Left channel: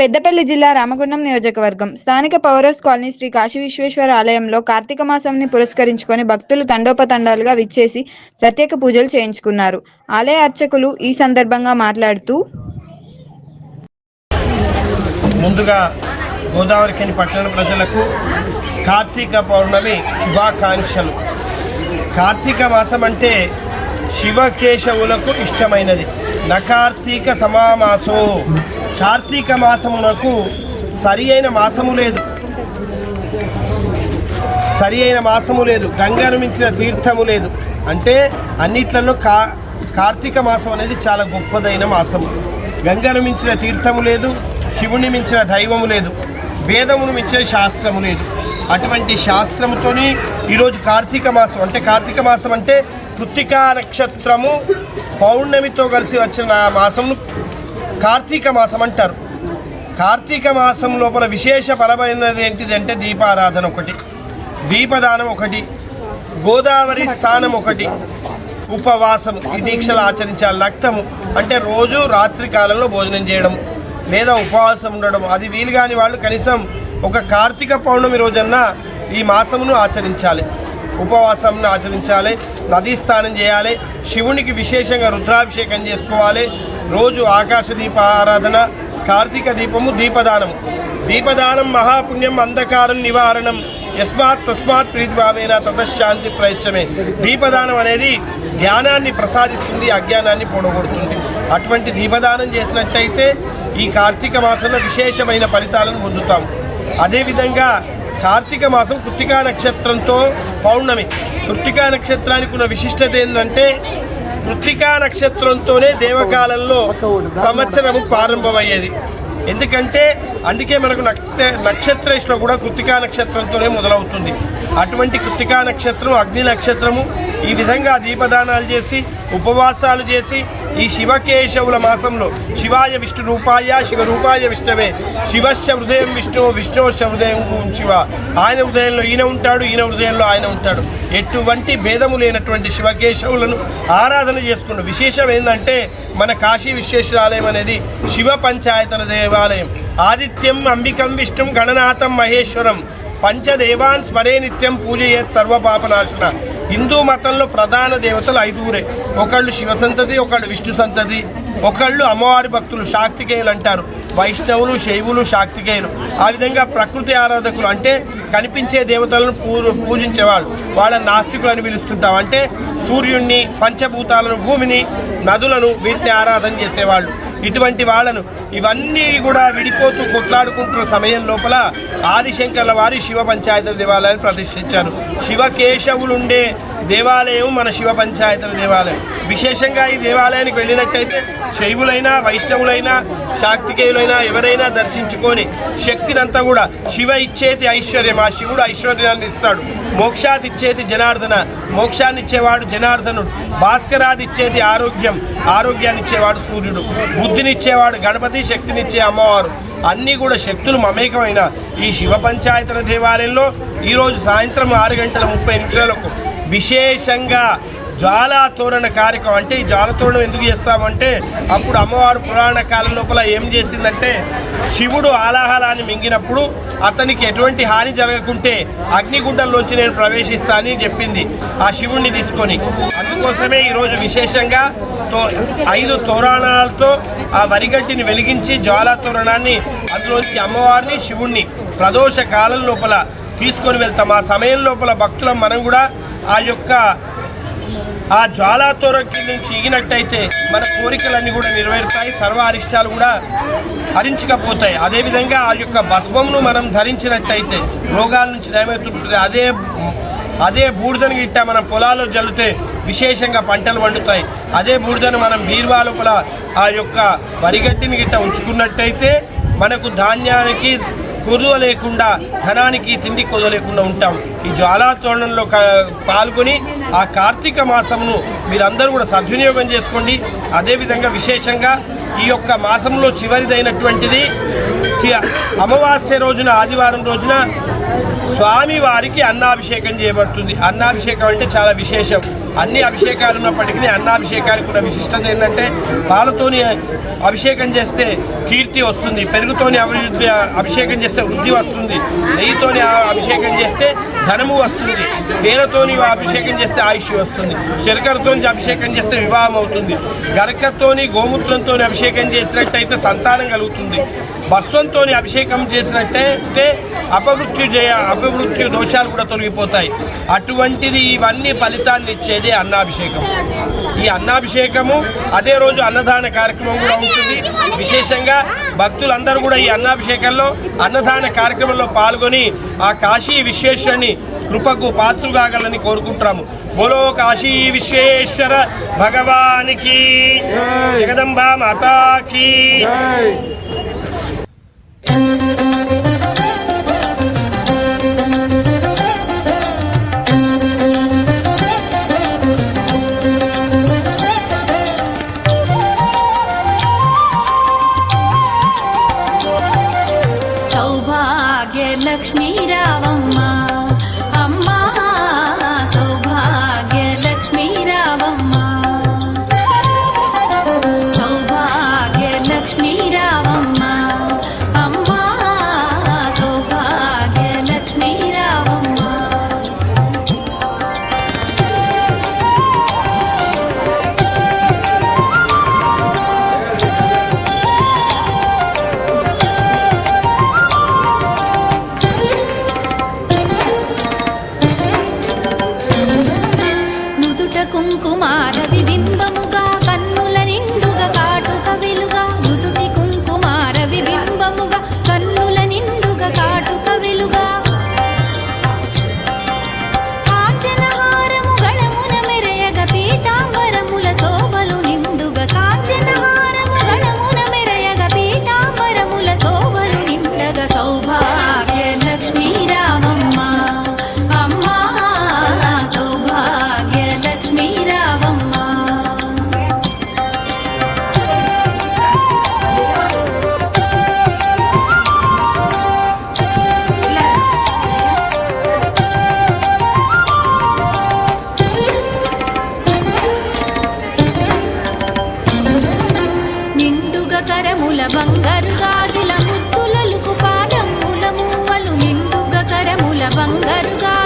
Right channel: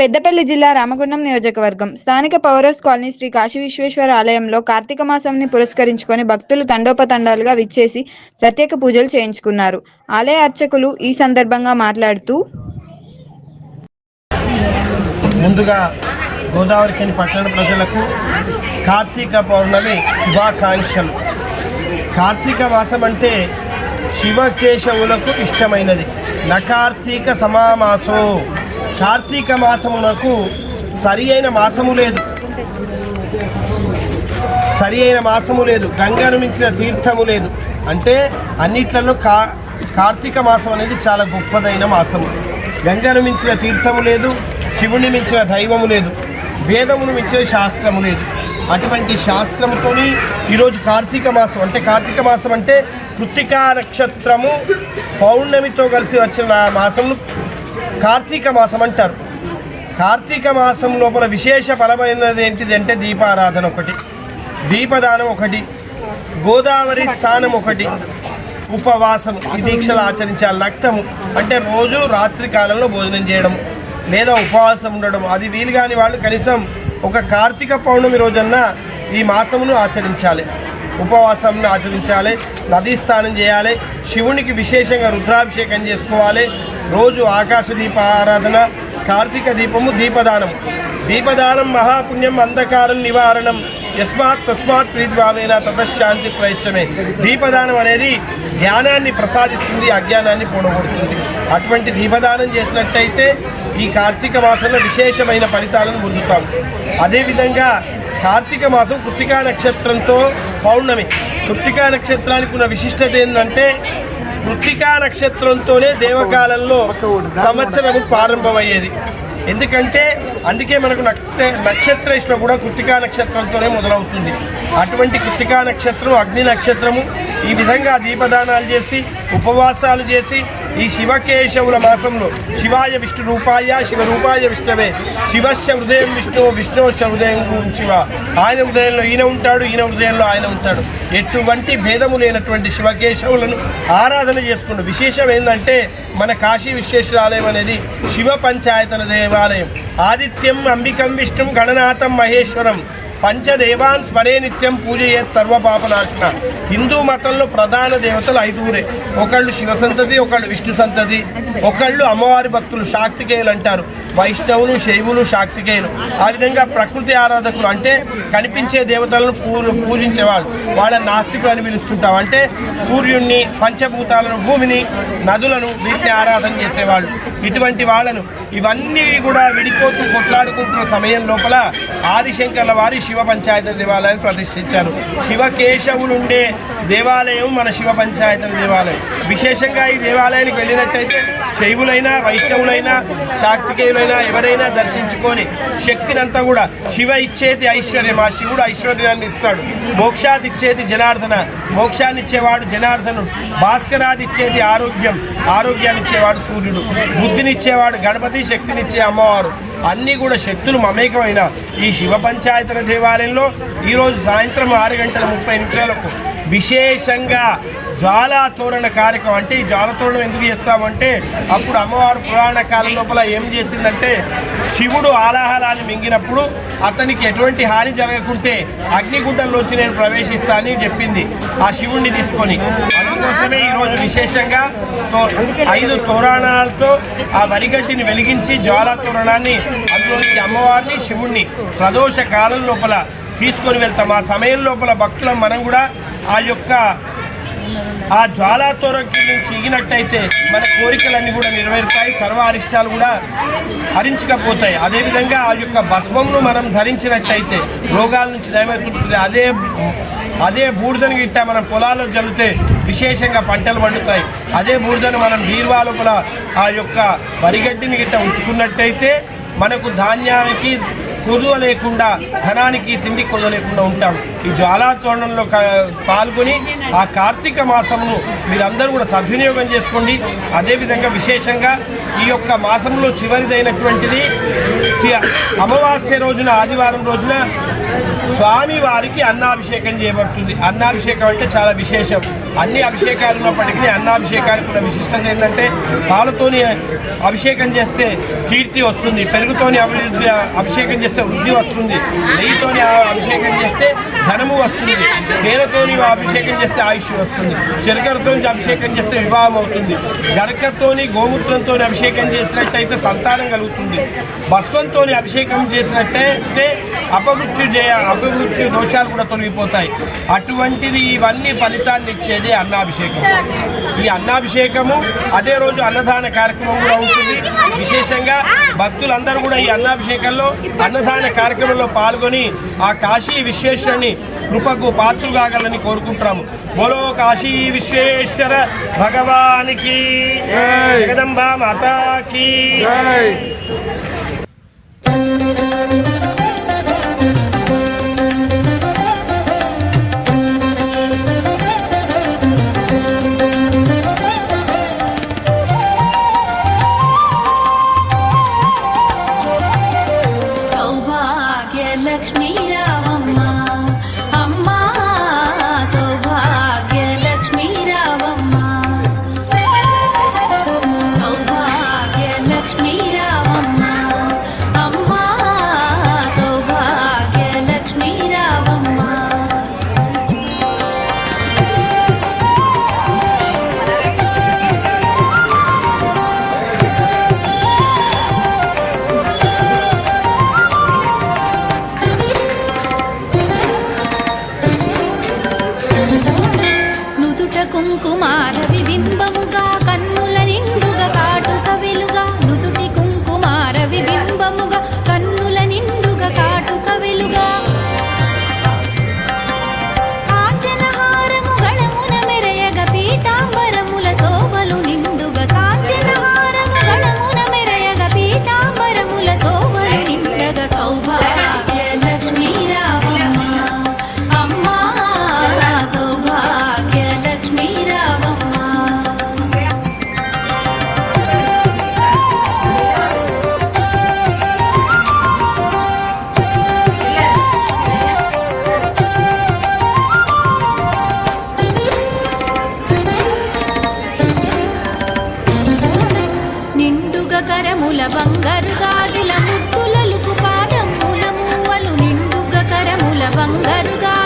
పెద్దపల్లి జిల్లా రామగుండం నియోజకవర్గం స్థానిక పౌరస్ కాలనీ శ్రీ కాశీ విశ్వేశ్వర ఆలయంలో కార్తీక మాసంని పురస్కరించుకొని భక్తులు తండోపతండాలుగా విచ్చేసి ప్రత్యేక పూజలు చేయించుకున్నారు. ఆలయ అర్చకులు ఈ సందర్భంగా మాట్లాడుతూ, ముందుగా గోదావరిఖని పట్టణ ప్రజలకు కార్తీక పౌర్ణమి శుభాకాంక్షలు. కార్తీక మాసం అంటే శివకేశవులకు ఇష్టమైనది. నకార్తీక సమామాసో, కార్తీక మాసమునకు సరి అయిన మాసము లేదు, గంగను మించిన తీర్థము లేదు. అంటే అన్నిట్లలో కార్తీక మాసం అనేది చాలా గొప్పదైన మాసము. గంగను మించిన తీర్థము లేదు, శివుని మించిన దైవము లేదు, వేదమును మించిన శాస్త్రము లేదు. అటువంటి శాస్త్రముతోని ఈరోజు కార్తీక మాసం అంటే కృత్తికా నక్షత్రము పౌర్ణమితో కలిసి వచ్చిన మాసమును కార్తీక మాసం అంటారు. కార్తీక మాసం లోపల విశేషపరమైనది ఏంటిది అంటే దీపారాధన ఒకటి, దీపదానం ఒకటి, గోదావరి స్నానం ఒకటి, ఉపవాసం ఈ దీక్షలు ఆచరించాలి. నక్తము అంటే రోజు రాత్రి కాలంలో భోజనం చేయడం లేదా ఉపవాసం ఉండడం. అది వీలు కాని వాళ్ళు కనీసం ఒక కార్తీక పౌర్ణమి రోజన్నా ఈ మాసమును ఆచరించాలి, ఉపవాసంను ఆచరించాలి, నదీ స్నానం చేయాలి, శివునికి విశేషంగా రుద్రాభిషేకం చేసుకోవాలి. రోజు ఆకాశ దీప ఆరాధన, కార్తీక దీపము, దీపదానం మహాపుణ్యం అంధకారం నివారణం తస్మాత్ ప్రీతిభావేన తతశాంతి ప్రయత్నమే. దీపదానం అనేది జ్ఞానాన్ని ప్రసాదిస్తుంది, అజ్ఞానాన్ని పోడగొడుతుంది. అటువంటి దీపదానం చేసినట్టయితే ఈ కార్తీక మాసంలో విశేషమైన ఫలితాలను పొందుతాము. అదేవిధంగా కార్తీక మాసం కృత్తికా నక్షత్రంతో పౌర్ణమి. కృత్తికా నక్షత్రానికి ఉన్న విశిష్టత ఏంటంటే కృత్తికా నక్షత్రంతోనే దేవకాలంలో సంవత్సరము ప్రారంభమయ్యేది. ఎందుకంటే అందుకే మనకు నక్షత్ర ఇష్టం కూడా కృత్తికా నక్షత్రంతోనే మొదలవుతుంది. అటువంటి కృత్తికా నక్షత్రం అగ్ని నక్షత్రము. ఈ విధంగా దీపదానాలు చేసి ఉపవాసాలు చేసి ఈ శివకేశవుల మాసంలో శివాయ విష్ణు రూపాయ శివరూపాయ విష్ణవే, శివశ్చ హృదయం విష్ణు విష్ణుశ్చ హృదయం శివ. ఆయన హృదయంలో ఈయన ఉంటాడు, ఈయన హృదయంలో ఆయన ఉంటాడు. ఎటువంటి భేదము లేనటువంటి శివకేశవులను ఆరాధన చేసుకున్న విశేషం ఏంటంటే మన కాశీ విశ్వేశ్వర ఆలయం అనేది శివ పంచాయతన దేవాలయం. ఆదిత్యం అంబికం విష్ణుం గణనాథం మహేశ్వరం పంచదేవాన్ స్మరే నిత్యం పూజయేత్ సర్వపాపనాశన. హిందూ మతంలో ప్రధాన దేవతలు 5 ఒకళ్ళు శివ సంతతి, ఒకళ్ళు విష్ణు సంతతి, ఒకళ్ళు అమ్మవారి భక్తులు శాక్తికేయులు అంటారు. వైష్ణవులు, శైవులు, శాక్తికేయులు. ఆ విధంగా ప్రకృతి ఆరాధకులు అంటే కనిపించే దేవతలను పూజించేవాళ్ళు, వాళ్ళ నాస్తికులు అని పిలుస్తుంటాం. అంటే సూర్యుడిని, పంచభూతాలను, భూమిని, నదులను, వీటిని ఆరాధన చేసేవాళ్ళు. ఇటువంటి వాళ్ళను ఇవన్నీ కూడా విడిపోతూ కొట్లాడుకుంటున్న సమయం లోపల ఆదిశంకర్ల వారి శివ పంచాయతీ దేవాలయాన్ని ప్రతిష్ఠించారు. శివకేశవులుండే దేవాలయం మన శివ పంచాయతీ దేవాలయం. విశేషంగా ఈ దేవాలయానికి వెళ్ళినట్టయితే శైవులైనా, వైష్ణవులైనా, శాక్తికేయులైనా ఎవరైనా దర్శించుకొని శక్తినంతా కూడా శివ ఇచ్చేది ఐశ్వర్యం, ఆ శివుడు ఐశ్వర్యాన్ని ఇస్తాడు. మోక్షాది ఇచ్చేది జనార్దన, మోక్షాన్ని ఇచ్చేవాడు జనార్దనుడు. భాస్కరాది ఇచ్చేది ఆరోగ్యం, ఆరోగ్యాన్ని ఇచ్చేవాడు సూర్యుడు. బుద్ధినిచ్చేవాడు గణపతి, శక్తినిచ్చే అమ్మవారు. అన్నీ కూడా శక్తులు మమేకమైన ఈ శివ పంచాయతన దేవాలయంలో ఈరోజు సాయంత్రం 6:30 విశేషంగా జ్వాలా తోరణ కార్యక్రమం. అంటే ఈ జ్వాల తోరణం ఎందుకు చేస్తామంటే అప్పుడు అమ్మవారు పురాణ కాలం లోపల ఏం చేసిందంటే శివుడు ఆలాహలాన్ని మింగినప్పుడు అతనికి ఎటువంటి హాని జరగకుంటే అగ్నిగుండంలోంచి నేను ప్రవేశిస్తానని చెప్పింది ఆ శివుణ్ణి తీసుకొని. అందుకోసమే ఈరోజు విశేషంగా 5 తోరణాలతో ఆ వరిగడ్డిని వెలిగించి జ్వాలా తోరణాన్ని అందులోంచి అమ్మవారిని, శివుణ్ణి ప్రదోష కాలం లోపల తీసుకొని వెళ్తాం. ఆ సమయం లోపల భక్తులం మనం కూడా ఆ జ్వాలా తోరణం నుంచి ఎగినట్టయితే మన కోరికలన్నీ కూడా నెరవేరుతాయి, సర్వ అరిష్టాలు కూడా హరించకపోతాయి. అదేవిధంగా ఆ యొక్క భస్మంను మనం ధరించినట్టయితే రోగాల నుంచి నయమవుతుంటుంది. అదే బూడిదను గిట్ట మనం పొలాల్లో జల్లితే విశేషంగా పంటలు పండుతాయి. అదే బూడిదను మనం బీరువా లోపల ఆ యొక్క వరిగడ్డిని గిట్ట ఉంచుకున్నట్టయితే మనకు ధాన్యానికి కొదువ లేకుండా, ధనానికి తిండి కొదువ లేకుండా ఉంటాం. ఈ జ్వాలా తోరణంలో పాల్గొని ఆ కార్తీక మాసమును మీరందరూ కూడా సద్వినియోగం చేసుకోండి. అదేవిధంగా విశేషంగా ఈ యొక్క మాసంలో చివరిదైనటువంటిది అమావాస్య రోజున, ఆదివారం రోజున స్వామివారికి అన్నాభిషేకం చేయబడుతుంది. అన్నాభిషేకం అంటే చాలా విశేషం. అన్ని అభిషేకాలు ఉన్నప్పటికీ అన్నాభిషేకానికి ఉన్న విశిష్టత ఏంటంటే పాలతోని అభిషేకం చేస్తే కీర్తి వస్తుంది, పెరుగుతోని అభిషేకం చేస్తే వృద్ధి వస్తుంది, నెయ్యితోని అభిషేకం చేస్తే ధనము వస్తుంది, తేనెతోని అభిషేకం చేస్తే ఆయుష్ వస్తుంది, శర్కరతోని అభిషేకం చేస్తే వివాహం అవుతుంది, గరకతోని గోమూత్రంతో అభిషేకం చేసినట్టయితే సంతానం కలుగుతుంది, భస్వంతో అభిషేకం చేసినట్టయితే అపమృత్యు దోషాలు కూడా తొలగిపోతాయి. అటువంటిది ఇవన్నీ ఫలితాన్ని ఇచ్చేది అన్నాభిషేకం. ఈ అన్నాభిషేకము అదే రోజు అన్నదాన కార్యక్రమం కూడా ఉంటుంది. విశేషంగా భక్తులందరూ కూడా ఈ అన్నాభిషేకంలో అన్నదాన కార్యక్రమంలో పాల్గొని ఆ కాశీ విశ్వేశ్వరుని కృపకు పాత్రలు కాగలని కోరుకుంటున్నాము. బోలో కాశీ విశ్వేశ్వర భగవానికి, జగదంబా మాతాకి. లక్ష్మీ రావమ్మ అమ్మ, సౌభాగ్య లక్ష్మీ రావమ్మ, సౌభాగ్య లక్ష్మీ రావమ్మ అమ్మ, సౌభాగ్య లక్ష్మీ రావమ్మ. కుంకుమార విబింబముగా కన్నుల నిండుగా కాటుక వెలుగా, నుదుటి కుంకుమార విబింబముగా కన్నుల నిండుగా కాటుక వెలుగా, కాంచనహారము గళమున మెరయగ పీతాంబరముల శోభలు నిండుగా, కాంచనహారము గళమున మెరయగ పీతాంబరముల శోభలు నిండగా, సౌభాగ్య లక్ష్మీ రావమ్మ అమ్మ, సౌభాగ్య లక్ష్మీ రావమ్మ. నిండుగా కరముల బంగారు గాజుల ముద్దులలుకు పాదముల మూవలు, నిండుగా కరముల బంగారు గాజుల